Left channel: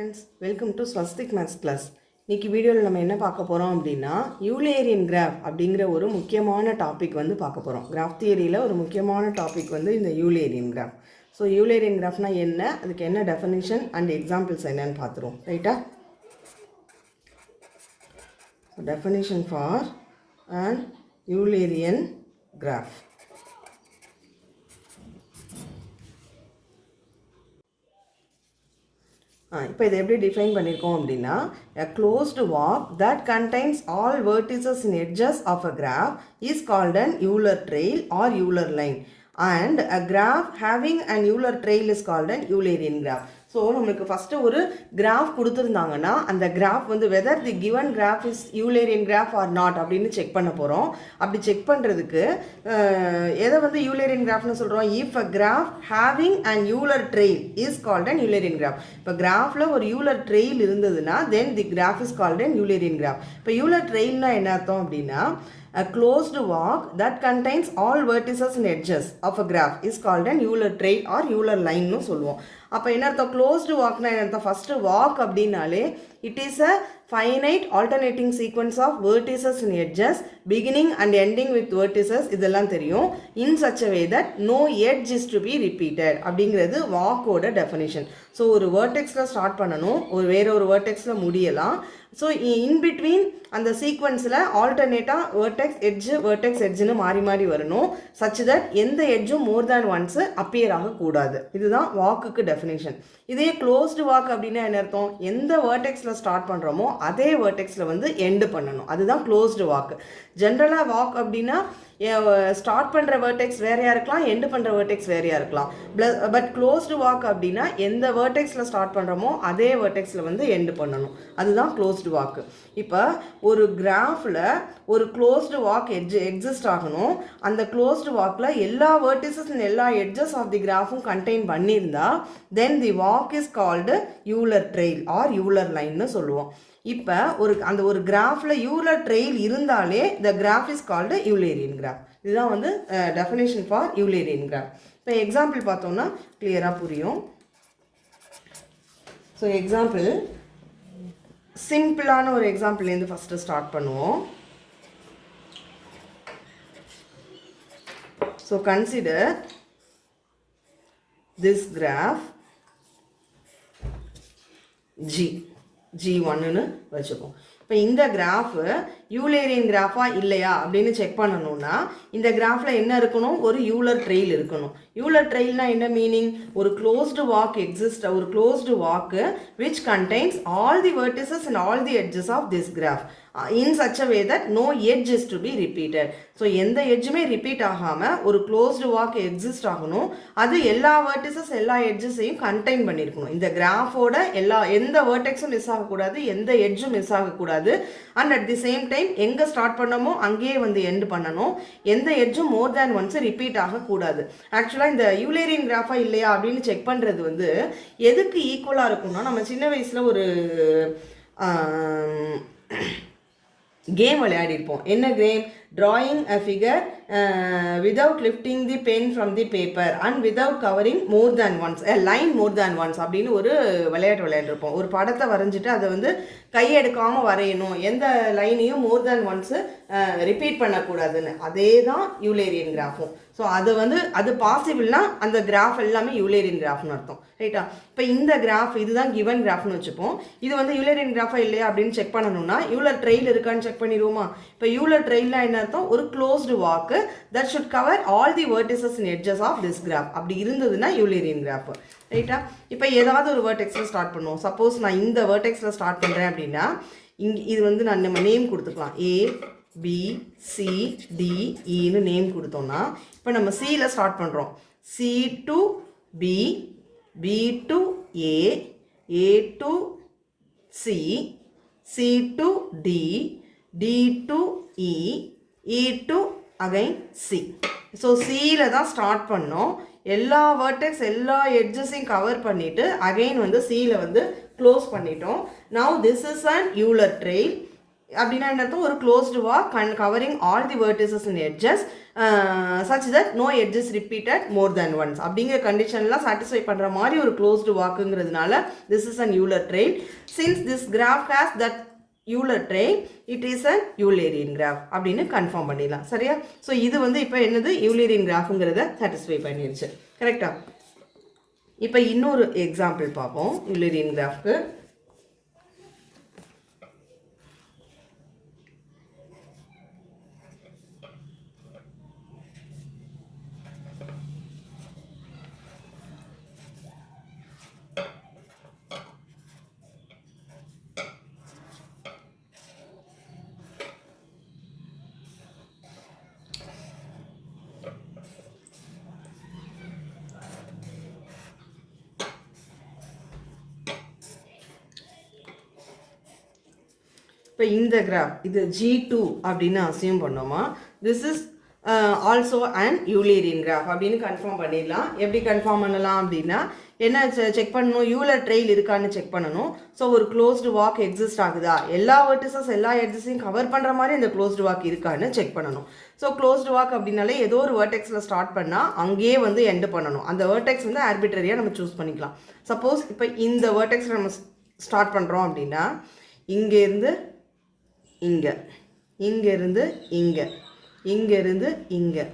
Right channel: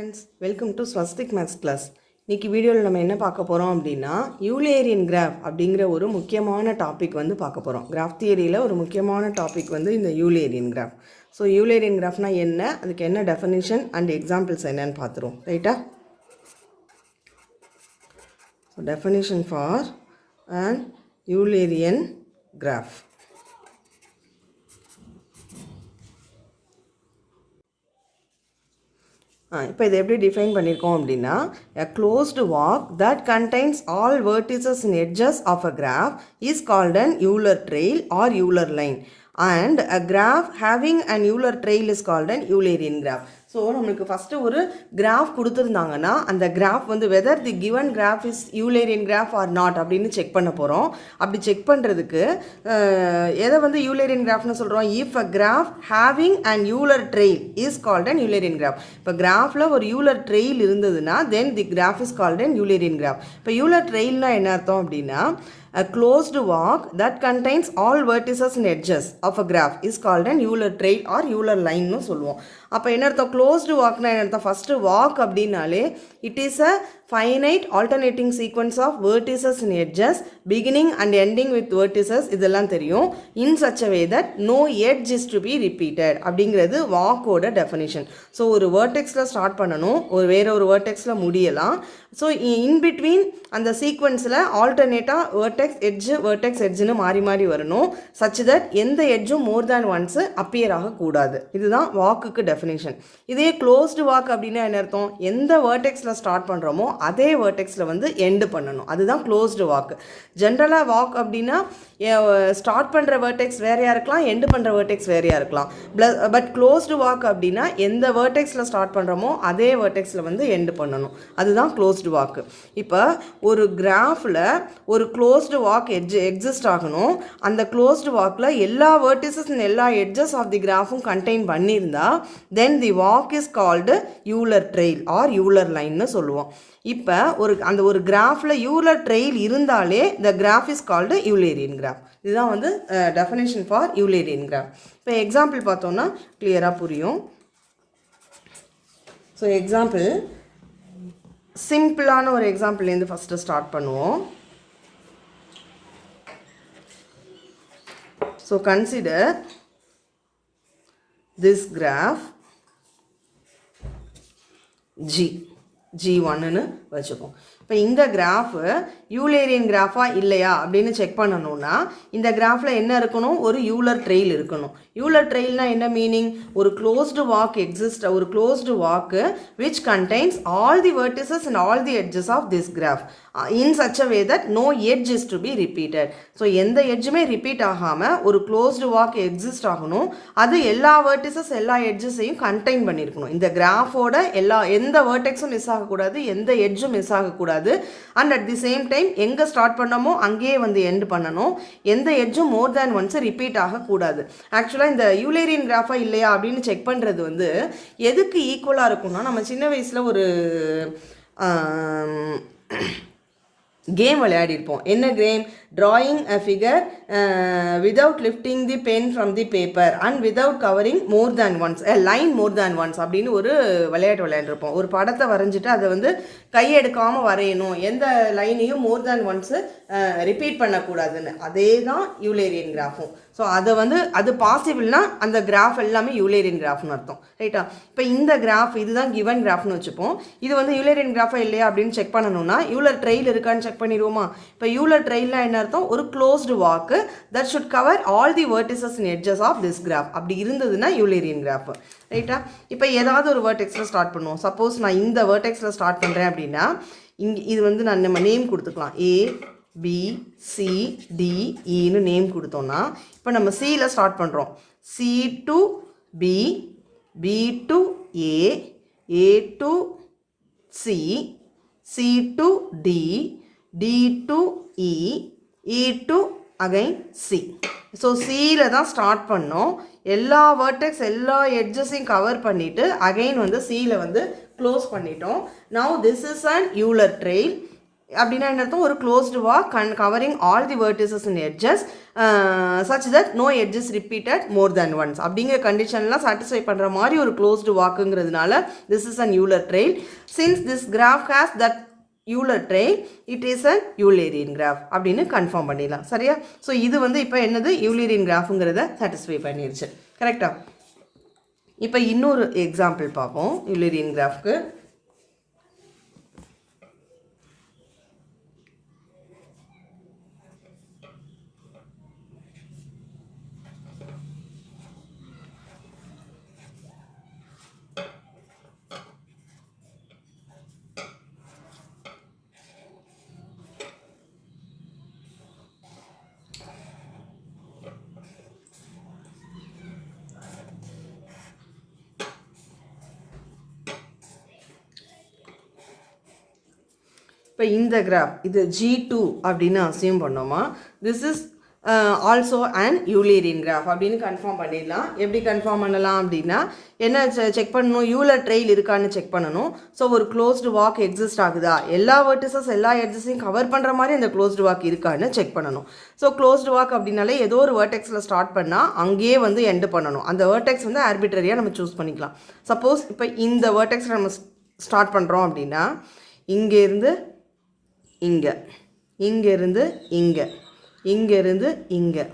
Friends, welcome to Swastik maths class. இன்றைக்கி வீடியோவில் நம்ம என்ன பார்க்க போகிறோம் அப்படின்னா யூலேரியன் கிராஃப் அப்படிங்கிற ஒரு முக்கியமான டாபிக் வந்து பார்க்க போகிறோம். கிராஃப் தியரியில் ஒரு முக்கியமான டாபிக் வந்து இந்த யூலேரியன் கிராஃப். ஸோ யூலேரியன் கிராஃப்னால் என்ன, அதுக்கு என்ன டெஃபினிஷன் அண்ட் எக்ஸாம்பிள்ஸ் என்னன்னு பார்த்துருவோம். ரைட்டா? Definition for an Eulerian graph. இப்போ இதை எப்படி டிஃபைன் பண்ணியிருக்கோம் அப்படின்னா, a closed walk that contains all vertices and edges of a graph is called an Euler trail or Euler line, and a graph having an Euler trail is called an Eulerian graph. So நம்மளுக்கு first ஒரு graph கொடுத்துருந்தாங்கன்னா அந்த graph வந்து whether the given graph is Eulerian graph or not அப்படின்னு check பண்ண போகிறோம். அப்படி check பண்ணுறதுக்கு எதை வந்து யூலேரியன் கிராஃப்னு சொல்கிறோம்? If a graph having an Euler trail is called an Eulerian graph. இப்போ கிராஃபில் ஒரு யூலர் ட்ரெயில் இருந்ததுன்னா then the graph is called an Eulerian graph. இப்போ யூலர் ட்ரெயில்னா என்ன அர்த்தம் அப்படின்னா, a closed walk that contains all vertices and edges of a graph is called an Euler trail or Euler line னு சொல்லுவோம். அப்போ என்ன அர்த்தம்? க்ளோஸ்டு வாக்னா என்ன அர்த்தம்? ஃபஸ்ட்டு வாக் அப்படின்னாலே it is a finite alternating sequence of vertices and edges beginning and ending with vertices, இதெல்லாம் தெரியும். In such a way that no edge is to be repeated அப்படிங்கிறது வாக்கோட டெஃபினிஷன். ஸோ ஒரு வேர்டெக்ஸில் start பண்ணணும், வேற ஒரு வேர்டெக்ஸில் முடியலாம். ஸோ இன் பிட்வீன் அந்த சீக்வன்ஸில் ஆல்டர்னேட்டாக வேர்டெக்ஸ் எட்ஜுன்னு மாறி மாறி வரணும். சச் தட் எந்த எட்ஜும் மோர் தேன் ஒன்ஸு அப்பியர் ஆகக்கூடாது. இதுதான் வாக்குக்கு டெஃபினேஷன். இதே க்ளோஸ்டு வாக் அப்படின்னா என்ன அர்த்தம்? எந்த வேர்டெக்ஸில் ஸ்டார்ட் பண்ணுறோமோ அதே வேர்டெக்ஸில் வந்து எண்டு பண்ணணும். அதுதான் க்ளோஸ்டு வாக்கு. ஜென்ரலாக வாக் அப்படின்னா ஸ்டார்ட் பண்ணுற வேர்டெக்ஸ் வேறையாக இருக்கலாம், எண்டு பண்ணுற வேர்டெக்ஸ் வேறையாக இருக்கலாம். பட் க்ளோஸ்டு வாக் அப்படின்னா எந்த வேர்டெக்ஸில் ஸ்டார்ட் பண்ணுறோமோ அதே வேர்டெக்ஸில் வந்து எண்டு பண்ணணும். அதுதான் க்ளோஸ்டு வாக்கு. இப்போ ஒரு கிராஃபில் ஒரு க்ளோஸ்டு வாக் எக்ஸிஸ்ட் ஆகணும். அந்த க்ளோஸ்டு வாக்கில் எல்லா வேர்டிசஸ் அண்ட் எல்லா எட்ஜஸ் ஆஃப் தி கிராஃபும் கண்டெயின் பண்ணியிருந்தா then the walk is called Euler trail or Euler லைன்னு சொல்லுவோம். இப்போ அந்த ஒரு கிராஃபில் யூலர் ட்ரெயில் இருந்தாலே the graph is called Eulerian graph. இதுதான் வந்து டெஃபினேஷன் ஃபார் யூலேரியன் கிராஃப். இப்போ எக்ஸாம்பிள் பார்த்தோம்னா கிளியராக புரியும். ஸோ எக்ஸாம்பிள் சிம்பிளான ஒரு எக்ஸாம்பிள்லேருந்து ஃபஸ்ட்டு ஸ்டார்ட் பண்ணுவோம். ஸோ கன்சிடர் திஸ் கிராஃப் G1ன்னு வச்சுப்போம். இப்போ இந்த கிராஃபு யூலேரியன் கிராஃபா இல்லையா அப்படின்னு செக் பண்ணணும்னா இந்த கிராஃபில் என்ன இருக்கணும்? ஒரு யூலர் ட்ரெயில் இருக்கணும். யூலர் ட்ரெயில்னா என்ன மீனிங்? ஒரு க்ளோஸ்டு வாக் எக்ஸிஸ்ட், ஒரு closed walk which contains all the vertices and all the edges of this graph in such a way that no edge is to be repeated. So எந்த எட்ஜுமே repeat ஆகாமல் ஒரு closed walk exist ஆகணும். அது எல்லா vertices எல்லா எட்ஜஸையும் contain பண்ணியிருக்கணும். இந்த கிராஃபோட எந்த வேர்டெக்ஸும் மிஸ் ஆகக்கூடாது, எந்த எட்ஜும் மிஸ் ஆகக்கூடாது. And at the same time எங்கே ஸ்டார்ட் பண்ணமோ அங்கேயே வந்து எண்ட் பண்ணணும். எந்த எட்ஜும் மோர் தேன் ஒன்ஸ் ரிப்பீட் ஆகக்கூடாது. ஆக்சுவலாக இந்த யூலேரியன் கிராஃபா இல்லையா அப்படின்னு செக் பண்ணுறது வந்து எதுக்கு ஈக்குவலாக இருக்கும்னா, நம்ம சின்ன வயசில் ஒரு கேம் விளையாடிருப்போம். என்ன game? drawing a figure without lifting the pen from the paper and without covering more than once, a line more than once அப்படின்னு ஒரு விளையாட்டு விளையாடிருப்போம். ஒரு படத்தை வரைஞ்சிட்டு அதை வந்து கையெடுக்காமல் வரையணும், எந்த லைனையும் மோர் தேன் ஒன்ஸு ரிப்பீட் பண்ணக்கூடாதுன்னு. அதே தான் யூலேரியன் கிராஃபும். ஸோ அதை வந்து அது பாசிபிள்னா அந்த கிராஃப் எல்லாமே யூலேரியன் கிராஃப்னு அர்த்தம். ரைட்டா? இப்போ இந்த கிராஃப் இதுதான் கிவன் கிராஃப்னு வச்சுப்போம். இது வந்து யூலேரியன் கிராஃபா இல்லையா அப்படின்னு செக் பண்ணணும்னா யூலர் ட்ரெயில் இருக்கான்னு செக் பண்ணிடுவோமா? இப்போ யூலர் ட்ரெயில்னா என்ன அர்த்தம்? ஒரு க்ளோஸ்டு வாக்கு that should cover all the vertices and edges of this graph. அப்படி இருந்ததுன்னா யூலேரியன் கிராஃப். ரைட்டா? இப்போ ஏதாவது ஒரு வேர்டெக்ஸில் ஸ்டார்ட் பண்ணுவோம். சப்போஸ் நான் இந்த வேர்டெக்ஸில் ஸ்டார்ட் பண்ணுறேன் அப்படின்னா இது வந்து நான் நம்ம நேம் கொடுத்துக்கலாம். ABCDEன்னு நேம் கொடுத்தோம்னா இப்போ நம்ம சியில் ஸ்டார்ட் பண்ணுறோம். C to B, B to A, A to C, C to D, D to E, E to again C. So சியில் தான் ஸ்டார்ட் பண்ணோம். எல்லா வேர்டெக்ஸ் எல்லா எட்ஜஸையும் கவர் பண்ணிவிட்டு அகைன் வந்து சியில் வந்து க்ளோஸ் பண்ணிட்டோம். Now this is an Euler trail. அப்படின்னா என்ன அர்த்தம்? ஒரு closed walk covering all the vertices and edges such that no edges repeated more than once அப்படிங்கிற கண்டிஷன்லாம் சாட்டிஸ்ஃபை பண்ணுற மாதிரி ஒரு closed walkங்கிறதுனால this is an Euler trail. Since this graph has that Euler trail, it is an Eulerian graph அப்படின்னு confirm பண்ணிடலாம். சரியா? So இது வந்து இப்போ என்னது Eulerian கிராஃப்ங்கிறத சாட்டிஸ்ஃபை பண்ணிருச்சு. கரெக்டா? இப்போ இன்னொரு எக்ஸாம்பிள் பார்ப்போம் Eulerian கிராஃப்க்கு. இப்போ இந்த கிராஃப் இது G2 அப்படின்னு அசியூம் பண்ணோமா, திஸ் இஸ் ஆல்சோ அண்ட் யூலரின் கிராஃப் அப்படின்னு கன்ஃபார்ம் பண்ணிடலாம். எப்படி கன்ஃபார்ம் பண்ணலாம் அப்படின்னா என்ன செக் பண்ணணும்? யூலர் ட்ரெயில் இருக்கான்னு செக் பண்ணணும். ஸோ ஒரு க்ளோஸ்டு வாக் எக்ஸிஸ்ட் ஆகுதா, எல்லா வெர்டிசஸ் எல்லா எட்ஜஸையும் கவர் பண்ணுற மாதிரி அந்த க்ளோஸ்டு வாக் இருக்கான்னு செக் பண்ணணும். ஸோ க்ளோஸ்டு வாக் அப்படின்னாலே ஏதோ ஒரு வேர்டெக்ஸில் ஸ்டார்ட் பண்ணால் அங்கேயே வந்து எண்டு பண்ணணும். அந்த வேர்டெக்ஸ் வந்து ஆர்பிட்ரரியாக நம்ம சூஸ் பண்ணிக்கலாம். சப்போஸ் இப்போ இந்த வேர்டெக்ஸில் நம்ம ஸ்டார்ட் பண்ணுறோம் அப்படின்னா இங்கேருந்து இங்கே, இங்கேருந்து இங்கே, இங்கேருந்து இங்கே,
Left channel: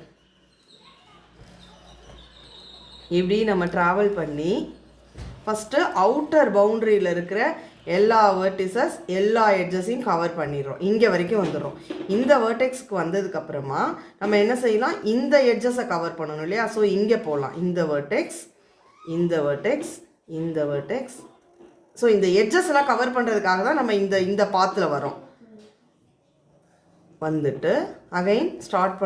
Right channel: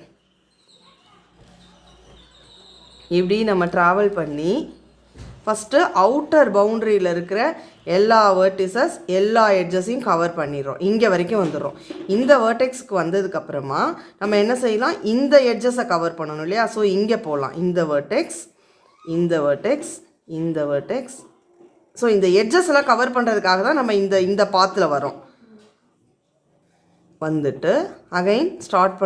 இப்படி நம்ம ட்ராவல் பண்ணி ஃபஸ்ட்டு அவுட்டர் பவுண்ட்ரியில் இருக்கிற எல்லா வேர்டிசஸ் எல்லா எட்ஜஸையும் கவர் பண்ணிடுறோம். இங்கே வரைக்கும் வந்துடுறோம். இந்த வேர்டெக்ஸ்க்கு வந்ததுக்கப்புறமா நம்ம என்ன செய்யலாம்? இந்த எட்ஜஸை கவர் பண்ணணும் இல்லையா? ஸோ இங்கே போகலாம். இந்த வேர்டெக்ஸ், இந்த வேர்டெக்ஸ், இந்த வேர்டெக்ஸ். ஸோ இந்த எட்ஜஸ் எல்லாம் கவர் பண்ணுறதுக்காக தான் நம்ம இந்த பாத்தில் வரோம். வந்துட்டு அகைன் ஸ்டார்ட்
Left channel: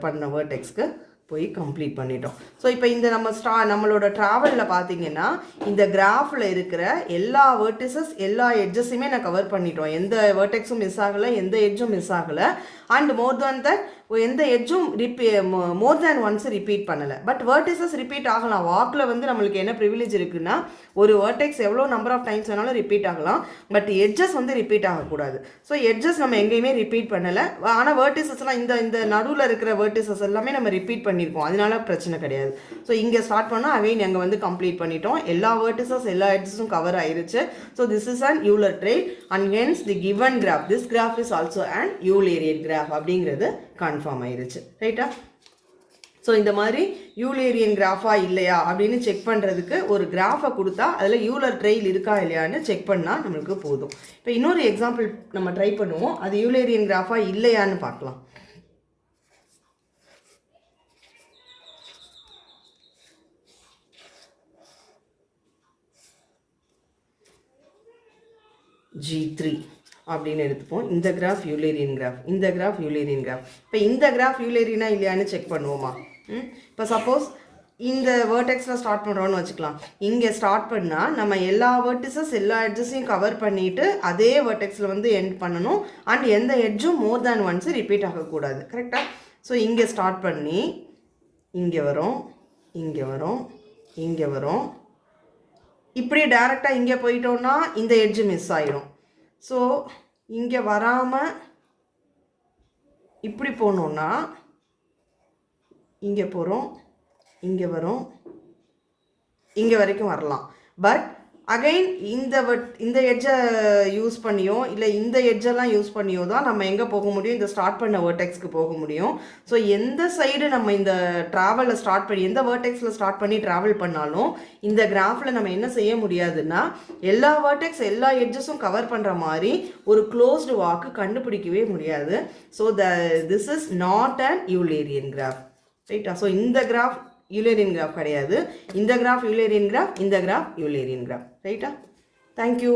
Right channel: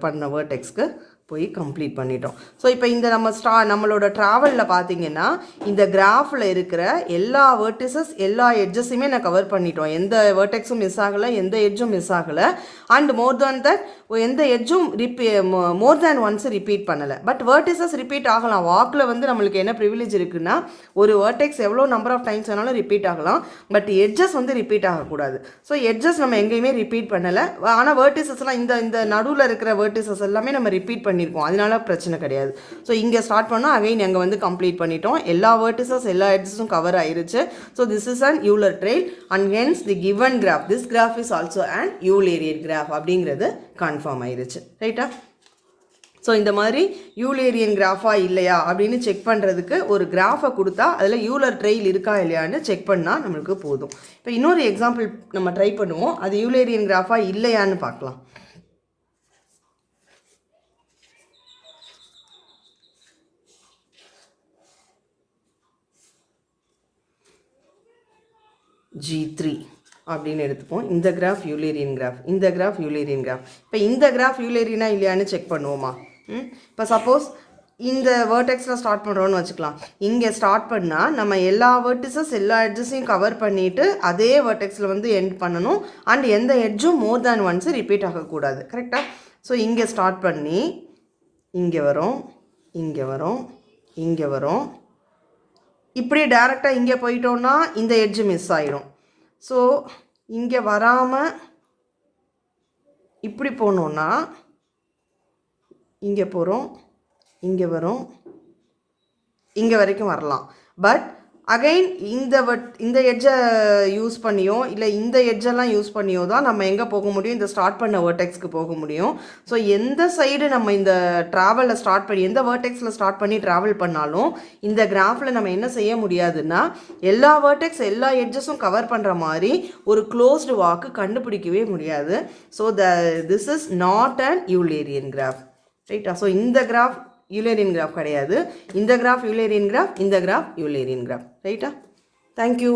பண்ண வேர்டெக்ஸ்க்கு போய் கம்ப்ளீட் பண்ணிட்டோம். ஸோ இப்போ இந்த நம்மளோட ட்ராவலில் பார்த்தீங்கன்னா இந்த கிராஃபில் இருக்கிற எல்லா வேர்டிசஸ் எல்லா எட்ஜஸையுமே நான் கவர் பண்ணிட்டோம். எந்த வேர்டெக்ஸும் மிஸ் ஆகலை, எந்த எட்ஜும் மிஸ் ஆகலை. அண்ட் மோர் தேன் தட் எந்த எட்ஜும் மோர் தேன் ஒன்ஸ் ரிப்பீட் பண்ணலை. பட் வேர்டிசஸ் ரிப்பீட் ஆகலாம். வாக்கில் வந்து நம்மளுக்கு என்ன ப்ரிவிலேஜ் இருக்குன்னா ஒரு வேர்டெக்ஸ் எவ்வளோ நம்பர் ஆஃப் டைம்ஸ் வேணாலும் ரிப்பீட் ஆகலாம். பட் எட்ஜஸ் வந்து ரிப்பீட் ஆகக்கூடாது. ஸோ எட்ஜஸ் நம்ம எங்கேயுமே ரிப்பீட் பண்ணலை. ஆனால் வேர்டிசஸ்லாம் இந்த நடுவில் இருக்கிற வேர்டிசஸ் எல்லாமே நம்ம ரிப்பீட் பண்ணியிருக்கோம். அதனால பிரச்சனை கிடையாது. ஸோ இங்கே ஸ்டார்ட் பண்ணால் அகைன் எங்கே வந்து கம்ப்ளீட் பண்ணிட்டோம். எல்லா வேர்டிசஸ் எல்லா எட்ஜஸும் கவர் ஆயிருச்சு. So this is an Euler trail and hence the given graph this graph is also an Eulerian graph அப்படிங்கிறது கன்ஃபார்ம் ஆயிருச்சு. ரைட்டா? ஸோ இந்த மாதிரி யூலேரியன் கிராஃபா இல்லையா அப்படின்னு செக் பண்ணுறதுக்கு ஒரு கிராஃபை கொடுத்தா அதில் யூலர் ட்ரெயில் இருக்கா இல்லையான்னு செக் பண்ணால் நம்மளுக்கு போதும். இப்போ இன்னொரு எக்ஸாம்பிள் நம்ம ட்ரை பண்ணுவோம். அது யூலேரியன் கிராஃபா இல்லையான்னு பார்க்கலாம். G3 அப்படின்னு எடுத்துப்போம். இந்த கிராஃப் யூலேரியன் கிராஃப், இந்த கிராஃப் யூலேரியன் கிராஃப். இப்போ இந்த கிராஃப் யூலேரியனா இல்லையான்னு செக் பண்ணுவோமா? இப்போ சப்போஸ் இந்த வேர்டெக்ஸில் ஸ்டார்ட் பண்ணுறோன்னு வச்சுக்கலாம். இங்கே ஸ்டார்ட் பண்ணால் நம்ம எல்லா வேர்டிசஸ் எல்லா எட்ஜஸையும் கவர் பண்ணிவிட்டு அதே வேர்டெக்ஸில் வந்து எண்ட் பண்ணணும். அண்ட் எந்த எட்ஜும் மோர் தேன் ஒன்ஸ் ரிப்பீட் ஆகக்கூடாது. கரெக்டாக? ஸோ இங்கே ஸ்டார்ட் பண்ணி இங்கே வரும், இங்கே வரும், இங்கே வரும். இப்படி டைரெக்டாக இங்கே போயிட்டோன்னா இந்த எட்ஜு மிஸ் ஆயிடும். ஸோ இங்கே வராமல் இப்படி போனோன்னா இங்கே போகிறோம், இங்கே வரும், இங்கே வரைக்கும் வரலாம். பட் அகைன் இந்த எட்ஜை யூஸ் பண்ணியோ இல்லை இந்த எட்ஜெல்லாம் யூஸ் பண்ணியோ தான் நம்ம எங்கே போக முடியும்? இந்த ஸ்டார்ட் பண்ண வேர்டெக்ஸ்க்கு போக முடியும். ஸோ எந்த சைடு நம்ம இந்த ட்ராவலில் ஸ்டார்ட் பண்ணி எந்த வேர்டெக்ஸில் ஸ்டார்ட் பண்ணி ட்ராவல் பண்ணாலும் இந்த கிராஃபில் நம்ம என்ன செய்ய முடியாதுன்னா எல்லா வேர்டெக்ஸ் எல்லா எட்ஜஸும் கவர் பண்ணுற மாதிரி ஒரு க்ளோஸ்டு வாக்கு கண்டுபிடிக்கவே முடியாது. So this is not an Eulerian graph. ரைட்டா? ஸோ இந்த கிராஃப் யூலேரியன் கிராஃப் கிடையாது. இந்த கிராஃப் யூலேரியன் கிராஃப், இந்த கிராஃப் யூலேரியன் கிராஃப். ரைட்டா? தேங்க்யூ.